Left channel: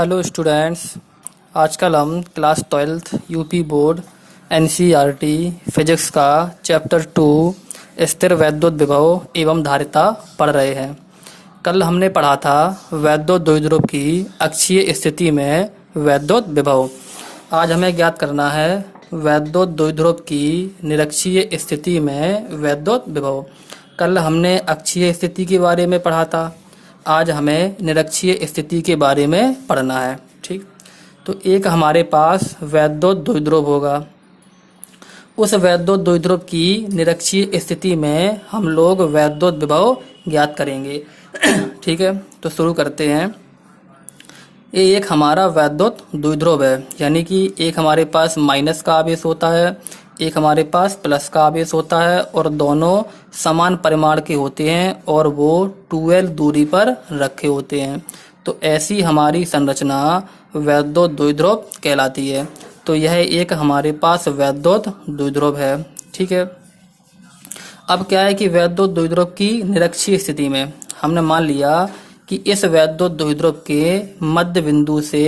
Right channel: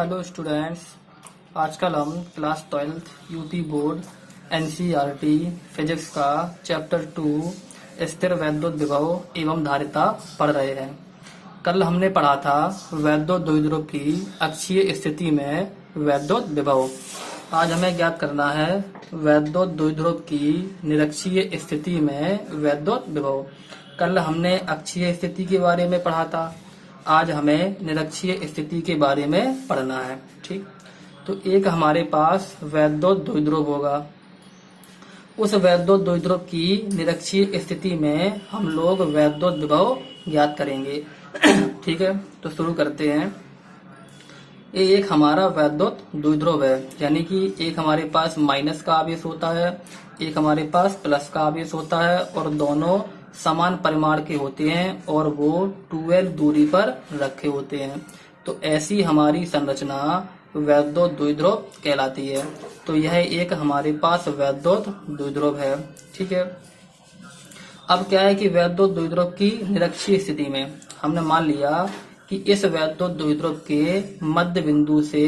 Hello students. आजकल हम class 12th UP board NCERT physics का चैप्टर 2 स्थिर वैद्युत विभव एवं धारिता पढ़ रहे हैं। कल हमने पढ़ा था वैद्युत द्विध्रुव की अक्षीय स्थिति में वैद्युत विभव। आज हमें ज्ञात करना है वैद्युत द्विध्रुव की निरक्षीय स्थिति में वैद्युत विभव। कल हमने अक्षीय स्थिति के बारे में पढ़ा था, आज हमें निरक्षीय स्थिति के बारे में पढ़ना है। ठीक, तो एक हमारे पास वैद्युत द्विध्रुव होगा। उस वैद्युत द्विध्रुव की निरक्षीय स्थिति में हम लोग वैद्युत विभव ज्ञात करेंगे। ठीक है, तो शुरू करते हैं। ये एक हमारा वैद्युत द्विध्रुव है, यानी कि एक हमारे पास माइनस का आवेश होता है, एक हमारे पास प्लस का आवेश होता है और दोनों समान परिमाण के होते हैं और वो 12 दूरी पर रखे होते हैं। तो ऐसी हमारी संरचना वैद्युत द्विध्रुव कहलाती है। तो यह एक हमारे पास वैद्युत द्विध्रुव है। ठीक है, अब क्या है कि वैद्युत द्विध्रुव की निरक्षीय स्थिति में हमने मान लिया कि इस वैद्युत द्विध्रुव के मध्य बिंदु से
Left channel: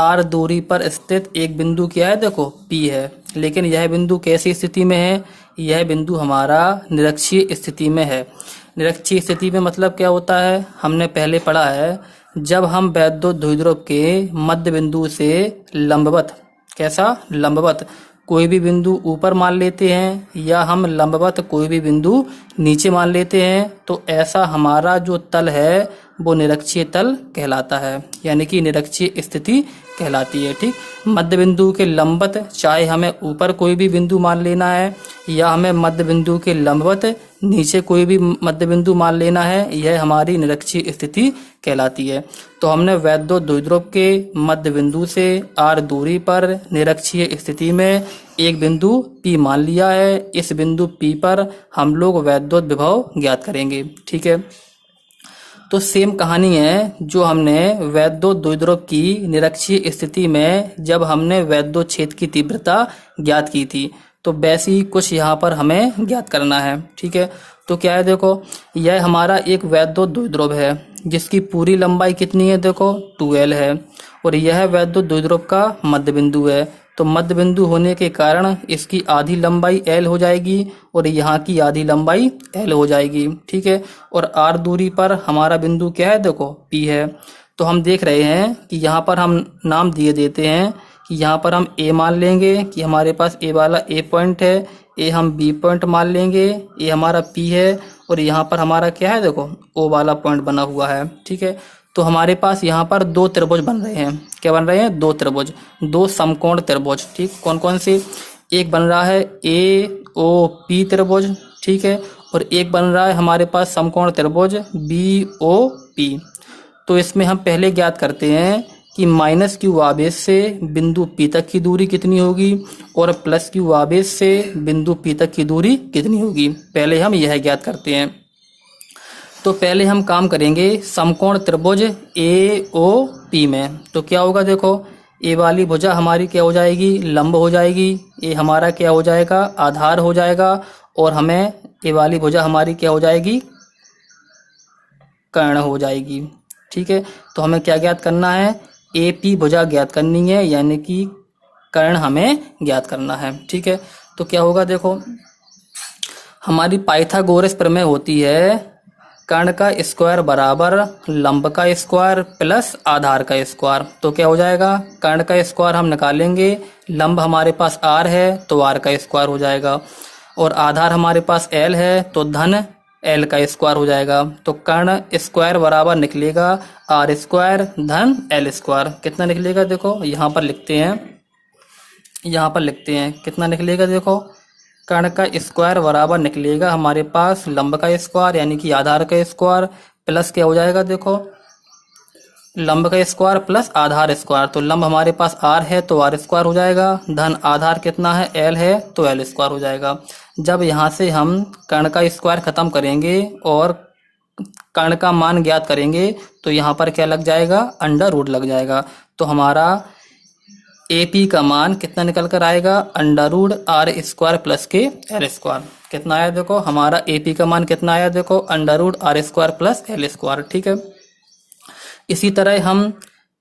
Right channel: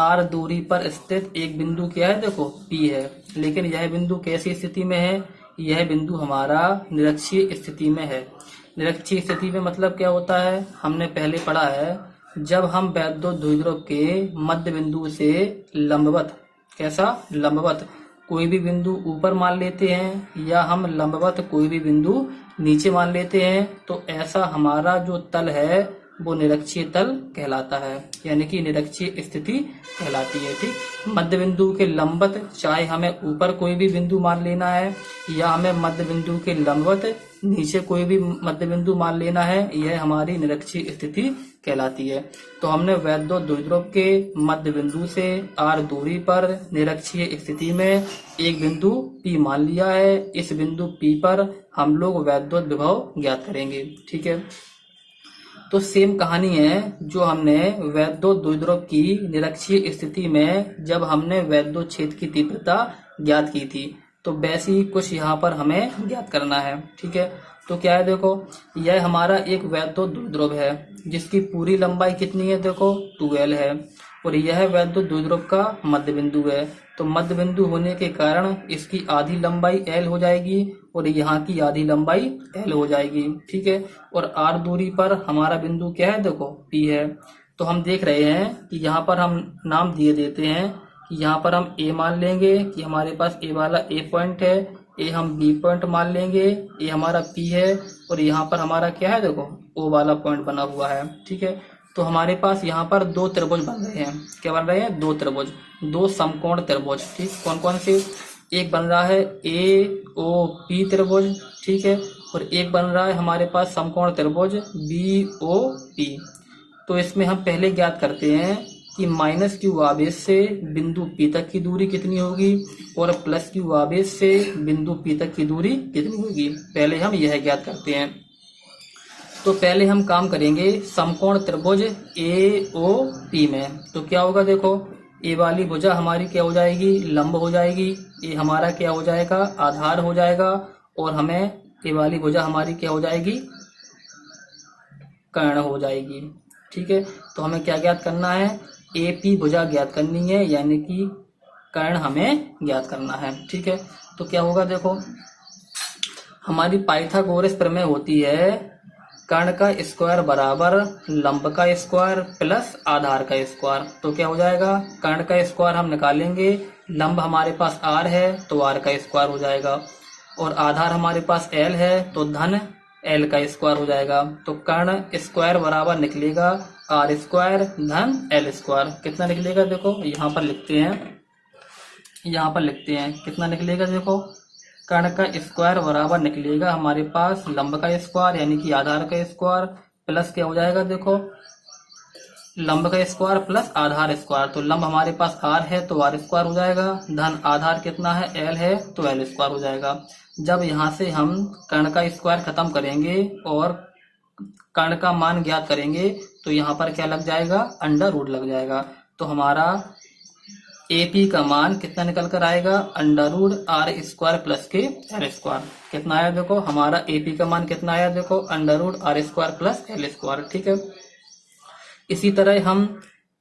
r दूरी पर स्थित एक बिंदु क्या है, देखो P है। लेकिन यह बिंदु कैसी स्थिति में है? यह बिंदु हमारा निरक्षीय स्थिति में है। निरक्षीय स्थिति में मतलब क्या होता है, हमने पहले पढ़ा है, जब हम वैद्युत द्विध्रुव के मध्य बिंदु से लंबवत, कैसा लंबवत कोई भी बिंदु ऊपर मान लेते हैं या हम लंबवत कोई भी बिंदु नीचे मान लेते हैं, तो ऐसा हमारा जो तल है वो निरक्षीय तल कहलाता है, यानी कि निरक्षीय स्थिति कहलाती है। ठीक, मध्य बिंदु के लंबवत, चाहे हमें ऊपर कोई भी बिंदु मान लेना है या हमें मध्य बिंदु के लंबवत नीचे कोई भी मध्य बिंदु मान लेना है, यह हमारी निरक्षीय स्थिति कहलाती है। तो हमने वैद्युत द्विध्रुव के मध्य बिंदु से r दूरी पर निरक्षीय स्थिति में एक बिंदु P मान लिया है। इस बिंदु P पर हम लोग वैद्युत विभव ज्ञात करेंगे। ठीक है, तो सेम कहानी है जो हमने वैद्युत द्विध्रुव की निरक्षीय स्थिति में जब हमने वैद्युत क्षेत्र की तीव्रता ज्ञात की थी, तो वैसे ही कुछ यहाँ पर हमें ज्ञात करना है। ठीक है, तो क्या है, देखो यह हमारा एक वैद्युत द्विध्रुव है जिसकी पूरी लंबाई कितनी है, देखो 12 है, और यह वैद्युत द्विध्रुव का मध्य बिंदु है। तो मध्य बिंदु होने के कारण इसकी आधी लंबाई L हो जाएगी और यहाँ की आधी लंबाई L हो जाएगी। ठीक है, और r दूरी पर हमारा बिंदु क्या है, देखो P है। तो हम देख रहे हैं कि यहाँ पर हम नाम दिए देते हैं कि यहाँ पर हम A मान लेंगे कि हमारे पास A वाला A पॉइंट है, A हम B पॉइंट मान लेंगे, A हमारा P है, और यहाँ पर हमारा क्या है, देखो O वाला पॉइंट बना हुआ है। ठीक है, तो हमारे पास यहाँ पर दो त्रिभुज बन रहे हैं। क्या बन रहे हैं? दो त्रिभुज, दो समकोण त्रिभुज। ठीक, कौन कौन से? एक बन रहा है AOP त्रिभुज, ठीक है, और एक बन रहा है हमारे पास समकोण त्रिभुज BOP। तो इसमें हम पहले ज्ञात करते हैं कि माइनस क्यू आवेश से बिंदु P तक की दूरी कितनी होगी और प्लस क्यू आवेश से बिंदु P तक की दूरी कितनी होगी। पहले हम यह ज्ञात करते हैं। तो पहले हम काम करेंगे समकोण त्रिभुज AOP में। तो क्या होगा, देखो ए वाली भुजा हमारी क्या हो जाएगी, लंब हो जाएगी, ए हमारा क्या हो जाएगा, आधार हो जाएगा, और हमें ए वाली भुजा हमारी क्या हो जाएगी, कर्ण हो जाएगी। ठीक है, तो हमें क्या ज्ञात करना है, AP भुजा ज्ञात करनी है, यानी कि कर्ण हमें ज्ञात करना है। ठीक है, तो क्या होगा, देखो हमारी पाइथागोरस प्रमेय होती है कर्ण का स्क्वायर बराबर लंब का स्क्वायर प्लस आधार का स्क्वायर। तो क्या हो जाएगा, कर्ण का स्क्वायर हम निकालेंगे, लंब हमारे पास r है तो r का स्क्वायर हो जाएगा, और आधार हमारे पास L है तो धन L का स्क्वायर हो जाएगा। तो कर्ण स्क्वायर बराबर निकलेगा r स्क्वायर धन L स्क्वायर। कितना निकलेगा, देखो यहाँ पर लिखते हैं, कितना निकलेगा, देखो कर्ण का स्क्वायर बराबर निकलेगा हमारे पास लंब का स्क्वायर यानी कि आधार का स्क्वायर प्लस क्या हो जाएगा, देखो लंब का स्क्वायर प्लस आधार स्क्वायर। तो लंब हमारे पास r है तो r स्क्वायर हो जाएगा, धन आधार कितना है, L है तो L स्क्वायर हो जाएगा। जब यहाँ से हम कर्ण का स्क्वायर खत्म करेंगे और कर्ण का मान ज्ञात करेंगे तो यहाँ पर क्या लग जाएगा, अंडर रूट लग जाएगा। तो हमारा AP का मान कितना निकल कर आएगा, under root r square plus के L स्क्वायर। कितना आया, देखो हमारा AP का मान कितना आया, देखो under root r square plus L square. ठीक है, इसी तरह हम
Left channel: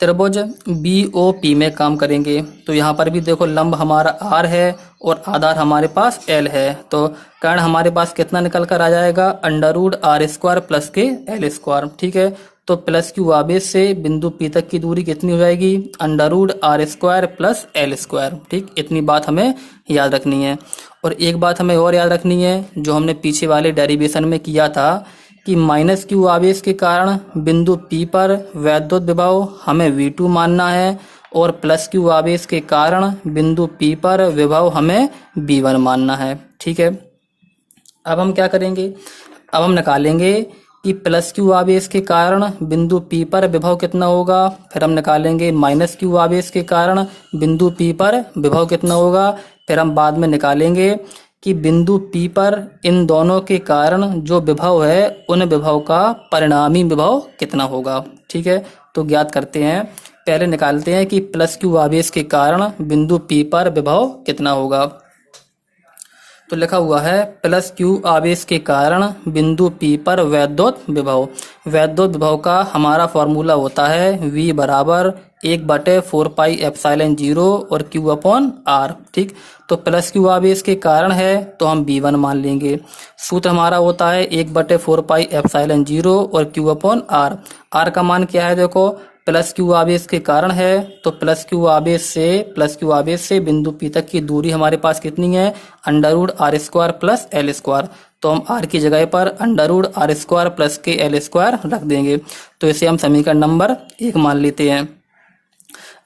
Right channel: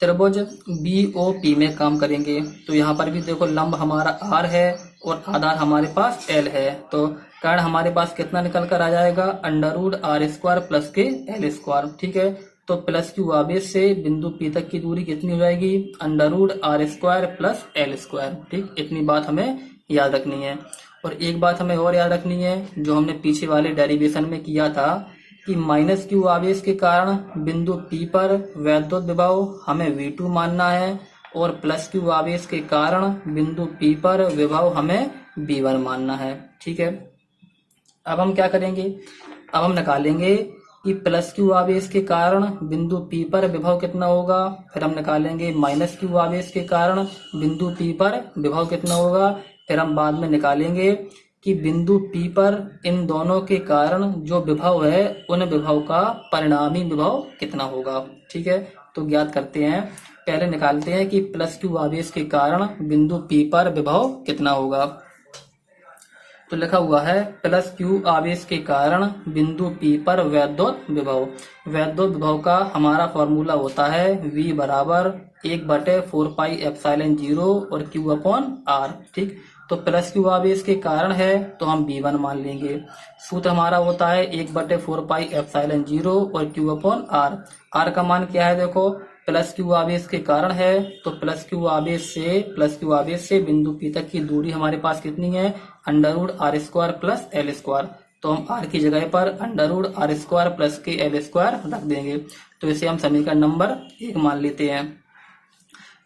त्रिभुज BOP में काम करेंगे। तो यहाँ पर भी देखो लंब हमारा R है और आधार हमारे पास L है, तो कर्ण हमारे पास कितना निकल कर आ जाएगा, √R² प्लस के L²। ठीक है, तो प्लस क्यू आवेश से बिंदु P तक की दूरी कितनी हो जाएगी, √R² प्लस L²। ठीक, इतनी बात हमें याद रखनी है। और एक बात हमें और याद रखनी है, जो हमने पीछे वाले डेरिवेशन में किया था कि माइनस क्यू आवेश के कारण बिंदु P पर वैद्युत विभव हमें V2 मानना है और प्लस क्यू आवेश के कारण बिंदु P पर विभव हमें V1 मानना है। ठीक है, अब हम क्या करेंगे, अब हम निकालेंगे कि प्लस क्यू आवेश के कारण बिंदु P पर विभव कितना होगा, फिर हम निकालेंगे माइनस क्यू आवेश के कारण बिंदु P पर विभव कितना होगा, फिर हम बाद में निकालेंगे कि बिंदु P पर इन दोनों के कारण जो विभव है उन विभव का परिणामी विभव कितना होगा। ठीक है, तो ज्ञात करते हैं, पहले निकालते हैं कि प्लस क्यू आवेश के कारण बिंदु P पर विभव कितना होगा। तो लिखा हुआ है प्लस क्यू आवेश के कारण बिंदु P पर वैद्युत विभव। वैद्युत विभव का हमारा फॉर्मूला होता है V बराबर 1/4πε0 और Q/R। ठीक, तो प्लस क्यू आवेश के कारण है तो हम V1 मान लेंगे। सूत्र हमारा होता है 1/4πε0 और Q/R। R का मान क्या है, देखो प्लस क्यू आवेश के कारण है तो प्लस क्यू आवेश से बिंदु P तक की दूरी हमारे पास कितनी है, √R² प्लस L²। तो हम R की जगह पर √R² प्लस के L² रख देंगे, तो इसे हम समीकरण नंबर 1 मान लेते हैं।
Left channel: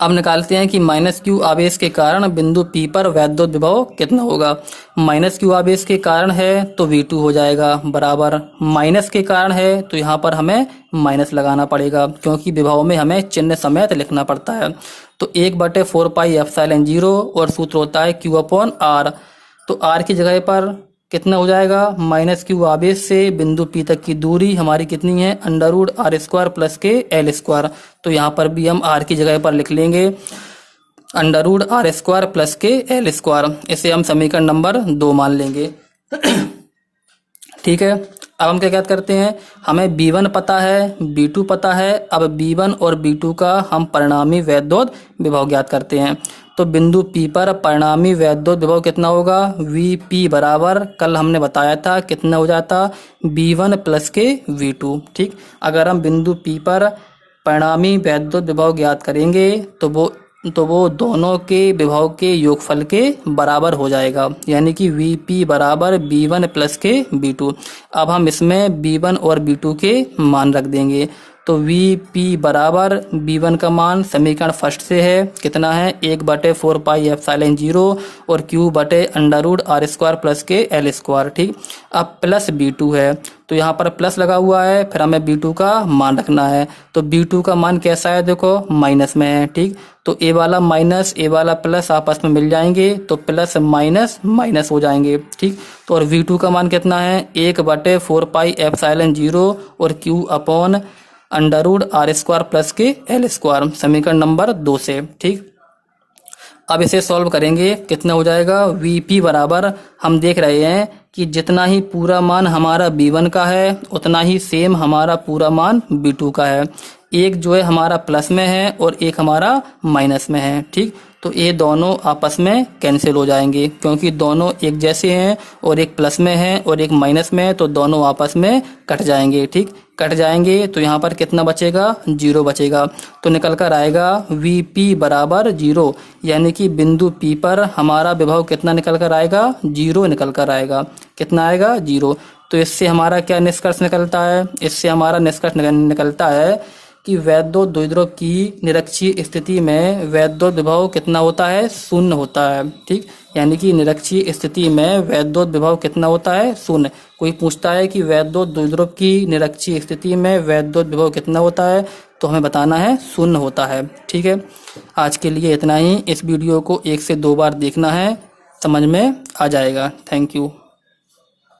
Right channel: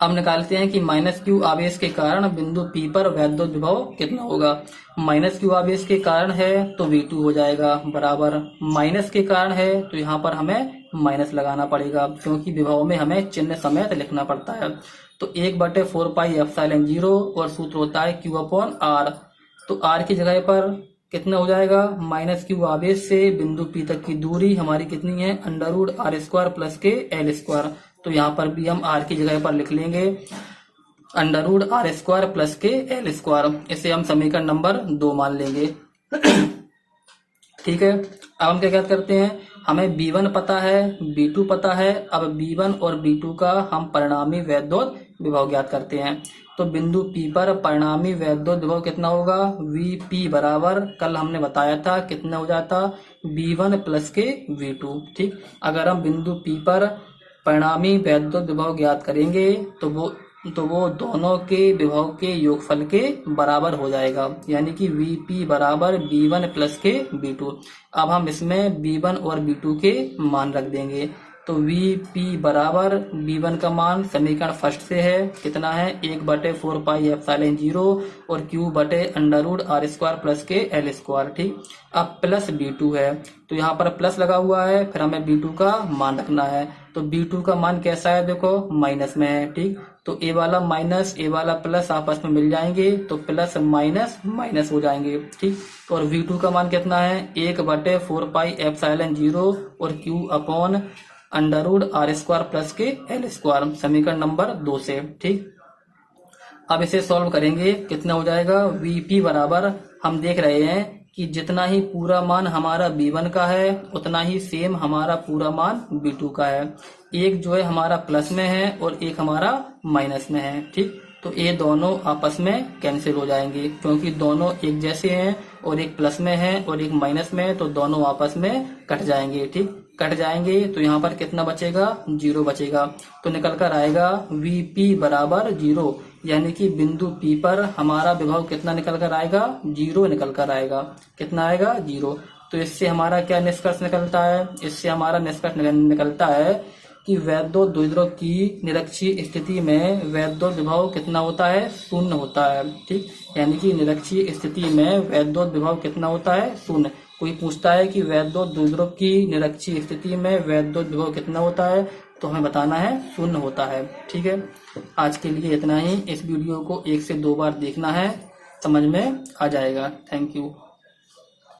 अब निकालते हैं कि माइनस क्यू आवेश के कारण बिंदु P पर वैद्युत विभव कितना होगा। माइनस क्यू आवेश के कारण है तो V2 हो जाएगा, बराबर माइनस के कारण है तो यहाँ पर हमें माइनस लगाना पड़ेगा, क्योंकि विभव में हमें चिन्ह समेत लिखना पड़ता है। तो 1/4πε0 और सूत्र होता है Q/R। तो R की जगह पर कितना हो जाएगा, माइनस क्यू आवेश से बिंदु P तक की दूरी हमारी कितनी है, √R² प्लस के L²। तो यहाँ पर भी हम R की जगह पर लिख लेंगे √R² प्लस के L²। इसे हम समीकरण नंबर 2 मान लेंगे। ठीक है, अब हम क्या ज्ञात करते हैं, हमें B1 पता है, B2 पता है। अब B1 और B2 का हम परिणामी वैद्युत विभव ज्ञात करते हैं। तो बिंदु P पर परिणामी वैद्युत विभव कितना होगा, VP बराबर कल हमने बताया था कितना हो जाता, B1 प्लस के V2। ठीक, अगर हम बिंदु P पर परिणामी वैद्युत विभव ज्ञात करेंगे तो वो दोनों के विभव के योगफल के बराबर हो जाएगा, यानी कि VP बराबर B1 प्लस के B2। अब हम इसमें B1 और B2 के मान रख देंगे। तो VP बराबर B1 का मान समीकरण फर्स्ट से है, कितना है, 1/4πε0 और Q/√R² प्लस के L²। ठीक, अब प्लस B2 है तो यहाँ पर प्लस लगा हुआ है, फिर हमें B2 का मान रखना है। तो B2 का मान कैसा है, देखो माइनस में है। ठीक, तो ए वाला माइनस ए वाला प्लस आपस में मिल जाएंगे तो प्लस माइनस माइनस हो जाएंगे। ठीक, तो और V2 का मान कितना है, 1/4πε0 और Q/√R² प्लस के L², समीकरण नंबर 2 से। ठीक, अब इसे सॉल्व करेंगे, कितना हो जाएगा, VP बराबर हम देख रहे हैं कि जितना ही पूरा मान हमारा B1 का है उतना ही सेम हमारा पूरा मान B2 का है। एक जो है हमारा प्लस में है और एक हमारा माइनस में है। ठीक, तो ये दोनों आपस में कैंसिल हो जाएंगे, क्योंकि दोनों एक जैसे हैं और एक प्लस में है और एक माइनस में है, तो दोनों आपस में कट जाएंगे। ठीक, कट जाएंगे तो यहाँ पर कितना बचेगा, 0 बचेगा। तो निकल कर आएगा VP बराबर 0, यानी कि बिंदु P पर हमारा विभव कितना निकल कर आएगा, 0 निकल कर आएगा। कितना आएगा, 0। तो इससे हमारा क्या निष्कर्ष निकलता है, इससे हमारा निष्कर्ष निकलता है कि वैद्युत द्विध्रुव की निरक्षीय स्थिति में वैद्युत विभव कितना होता है, 0 होता है। ठीक, यानी कि निरक्षीय स्थिति में वैद्युत विभव कितना होता है, 0। कोई पूछता है कि वैद्युत द्विध्रुव की निरक्षीय स्थिति में वैद्युत विभव कितना होता है, तो हमें बताना है 0 होता है। ठीक है, आज के लिए इतना ही। इस वीडियो को 1 से 2 बार देखना है, समझ में आ जाएगा। Thank you.